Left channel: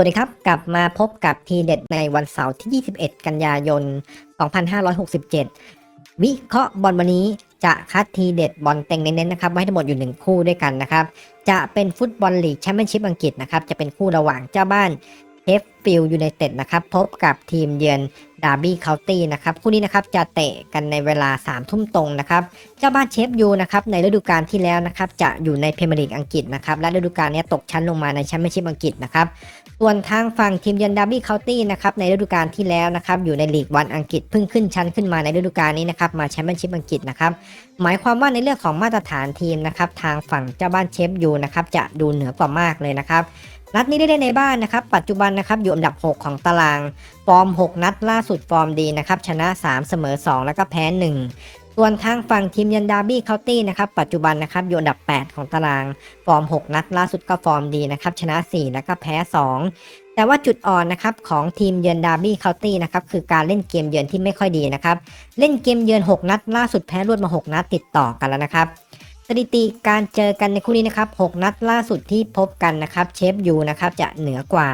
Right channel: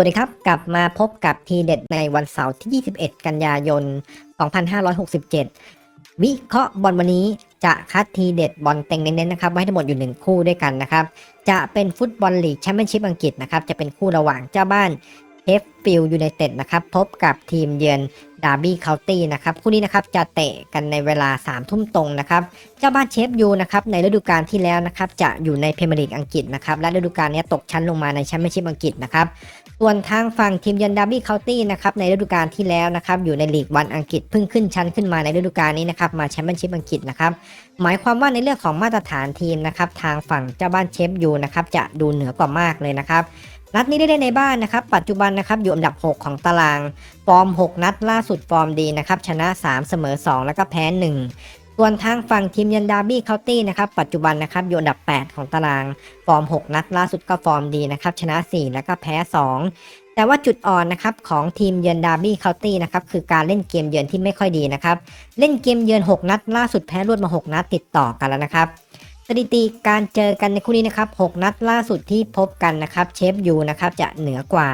วัสดีครับ กลับมาพบกับทีเด็ดในวันเสาร์ที่ 21 กันยายน 2567 วิเคราะห์บอลวันนี้จะคัดทีเด็ดบอลเต็งเน้นๆนะครับไว้ทั้งหมดอยู่หนึ่งคู่ด้วยกันนะครับ จะเป็นฟุตบอลลีกแชมเปี้ยนชิพอังกฤษนะครับ จะเป็นคู่ระหว่างเจ้าบ้านเอฟฟิลยูไนเต็ดนะครับ พบกับทีมเยือน ดาร์บี้เคานตี้นะครับคู่นี้นะครับจะเตะกันในเวลา3ามทุ่มตรงนะครับเจ้าบ้านเชฟยูนะครับในฤดูกาลที่แล้วนะครับจะอยู่ในเพรีเมียร์ลีกอังกฤษนะครับและฤดูกาลนี้ตกชั้นลงมาในแชมเปี้ยนชิพอังกฤษนะครับส่วนทางฝั่งทีมเยือนดาร์บี้เคานตี้นะครับในฤดูกาลที่แล้วนะครับอยู่ในลีกวันอังกฤษเพิ่งขึ้นชั้นขึ้นมาในฤดูกาลนี้นะครับมาแชมเปี้ยนชิพอังกฤษนะครับหมายความว่าในเรื่องของมาตรฐานทีมนะครับทางฝั่งเจ้าบ้านเชฟยูนะครับจะดูเหนือกว่ามากเลยนะครับ นัดนี้ได้เล่นในบ้านนะครับ ปัจจุบันนะครับอยู่อันดับ 6 ของตาราง ฟอร์ม 6 นัดล่าสุดฟอร์มดีนะครับ ชนะ 3 เสมอ 2 แล้วก็แพ้ 1 ส่วนทางฝั่งทีมยือนดาบี้เคาน์ตี้นะครับ ปัจจุบันนะครับอยู่อันดับ 8 ของตาราง ฟอร์ม 6 นัดล่าสุดก็ฟอร์มดีนะครับ ชนะ 4 แล้วก็แพ้ 2 แต่ว่าจุดอ่อนนะครับของทีมเยือนดาร์บี้เคาน์ตี้นะครับคือการเล่นเกมเยือนที่ไม่ค่อยดีนะครับ เล่นเกมเยือน 6 นัด ล่าสุดแพ้รวดมา 6 นัดติดต่อกันแล้วนะครับ สถิติการเจอกันในคู่นี้นะครับ 6 นัดล่าสุดที่พบกันนะครับ เชฟยูนะครับจะเหนือกว่า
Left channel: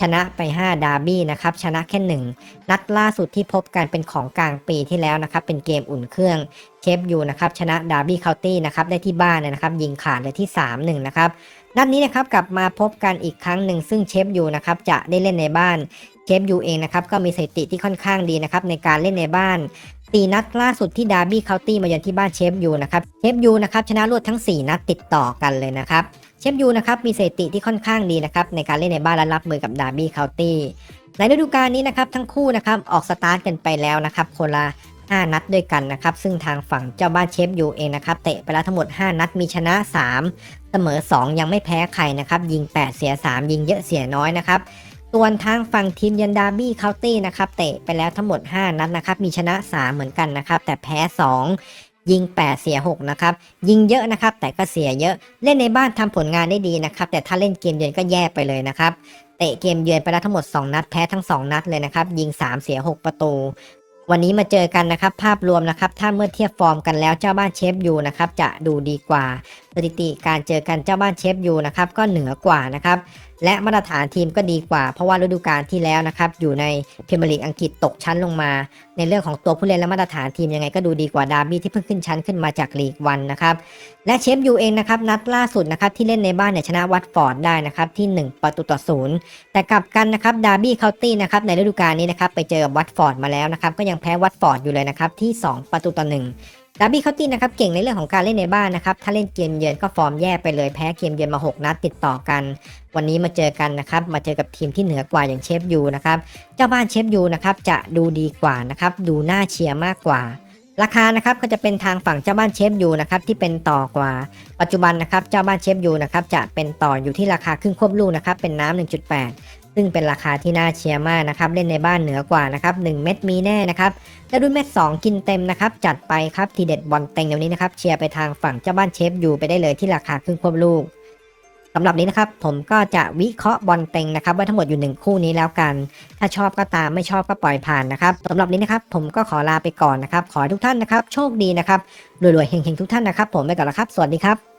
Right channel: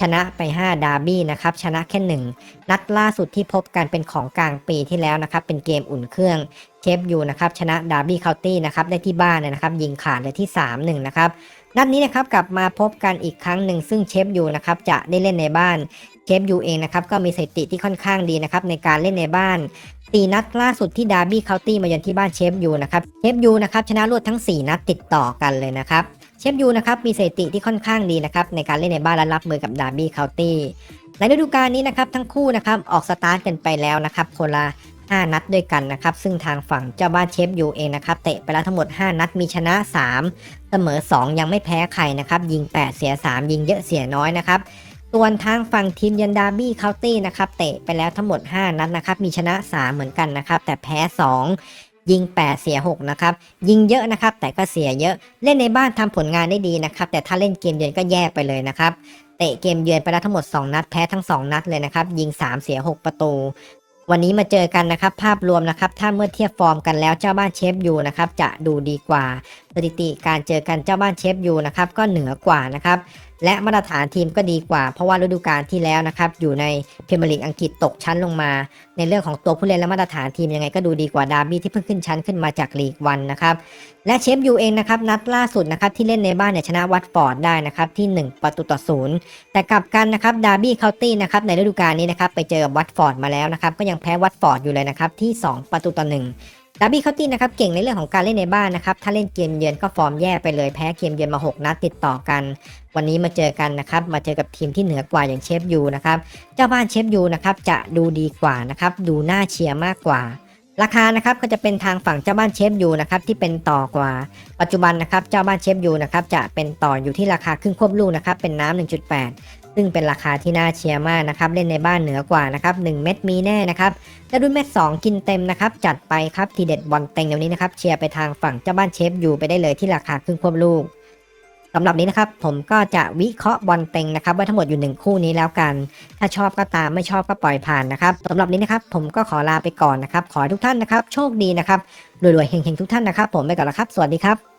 ชนะไป 5 ดาร์บี้นะครับ ชนะแค่ 1 นัดล่าสุดที่พบกันเป็นของกลางปีที่แล้วนะครับ เป็นเกมอุ่นเครื่องเชฟยูนะครับ ชนะดาร์บี้เคาน์ตี้นะครับ ได้ที่บ้านนะครับ ยิงขาดเลยที่ 3-1 นะครับ นัดนี้นะครับกลับมาพบกันอีกครั้งหนึ่งซึ่งเชฟยูนะครับจะได้เล่นในบ้านเชฟยูเองนะครับก็มีสถิติที่ค่อนข้างดีนะครับในการเล่นในบ้านสี่นัดล่าสุดที่ดาร์บี้เคาน์ตี้มาเยือนที่บ้านเชฟยูนะครับเชฟยูนะครับชนะรวดทั้ง 4 นัดติดต่อกันเลยนะครับเชฟยูนะครับมีสถิติที่ค่อนข้างดีนะครับในการเล่นในบ้านและรับมือกับดาร์บี้เคาน์ตี้ในฤดูกาลนี้นะครับทั้งคู่นะครับออกสตาร์ทกันไปแล้วนะครับคนละ5นัดด้วยกันนะครับ ซึ่งทางฝั่งเจ้าบ้านเชฟยูเองนะครับเตะไปแล้วทั้งหมด 5 นัดมีชนะ 3 เสมอ 2 ยังไม่แพ้ใครนะครับ ยิง 8 เสีย 3 ยิงเยอะเสียน้อยนะครับส่วนทางฝั่งทีมยันดาบี้เคาน์ตี้นะครับเตะไปแล้วทั้งหมด 5 นัดนะครับ มีชนะ 3 เหมือนกันนะครับ แต่แพ้ 2 ยิง 8 เสีย 6 นะครับ ยิงเยอะนะครับ แต่ก็เสียเยอะ เล่นในบ้านทำผลงานได้ดีนะครับ แต่ถ้าเล่นเกมเยือนก็แย่ไปเลยนะครับ เตะเกมเยือนไปแล้วทั้งหมด 2 นัด แพ้ทั้ง 2 นัดเลยนะครับ ยิง 3 เสีย 6 ประตู วันนี้มาเจอกันนะครับ ภาพรวมนะครับ ถ้าเมื่อเทียบฟอร์มกันแล้วเจ้าบ้านเชฟยูนะครับ จะดูดีกว่า สถิติการเจอกันเจ้าบ้านเชฟยูนะครับ ก็เหนือกว่านะครับและมาตรฐานทีมก็ดีกว่า เพราะว่าฤดูกาลที่แล้วนะครับ อยู่ในพรีเมียร์ลีกอังกฤษตกชั้นลงมา ในเรื่องของตัวผู้เล่นและมาตรฐานทีมยังไงก็ดูดีกว่าดาร์บี้ที่เพิ่งขึ้นชั้นขึ้นมาจากลีกวันนะครับ และเชฟยูเองนะครับนัดล่าสุดนะครับที่เล่นในบ้านเนี่ยชนะวัตฟอร์ดได้นะครับที่ 1 ประตูต่อศูนย์แต่กลับกันนะครับดาร์บี้เคาน์ตี้นะครับในฤดูกาลนี้นะครับไปเจอกับวัตฟอร์ดมาแล้วนะครับก็ยังแพ้วัตฟอร์ดอยู่เลยนะครับที่ 2 ประตูต่อหนึ่ง ดาร์บี้เคาน์ตี้นะครับเก่งในเรื่องของการเล่นในบ้านนะครับ ถ้าเล่นเกมเยือนก็ฟอร์มแย่ไปเลยแพ้เกมเยือนมา 6 นัดติดต่อกัน วันนี้มาเจอกันนะครับ มาเจอกับทีมที่เหนือกว่าอย่างเชฟยูนะครับ เจ้าบ้านเชฟยูนะครับจะดูดีกว่านะครับ ดูน่าเชียร์มากกว่า ราคานะครับก็จะเป็นทางฝั่งเจ้าบ้านเชฟยูนะครับที่เป็นต่อกว่าปัจจุบันนะครับเจ้าบ้านเชฟยูนะครับจะเป็นต่ออยู่ที่ราคาครึ่งควบลูกนะครับเป็นน้ำ1.8 ซึ่งเป็นราคาที่น่าเชียร์มากนะครับเล่นในบ้านเหนือกว่านะครับ1เม็ดมีแน่นะครับถ้ารุ่นเม็ด2กินเต็มนะครับจัดไปครับทีเด็ดบอลเต็งเดี๋ยวนี้นะครับเชียร์ไปทางฝั่งเจ้าบ้านเชฟยูไปได้เลยที่ราคาครึ่งควบลูก สำหรับนี้นะครับผมก็จะวิเคราะห์บอลเต็งนะครับไว้ทั้งหมดอยู่หนึ่งคู่นี้แล้วกัน ถ้าชอบก็ตามไม่ชอบก็ปล่อยผ่านนะครับสำหรับนี้นะครับผมก็ขอลาไปก่อนนะครับ ขอทุกท่านนะครับ โชคดีนะครับรวยๆเฮงๆทุกท่านนะครับ ผมไปก่อนนะครับ สวัสดีครับ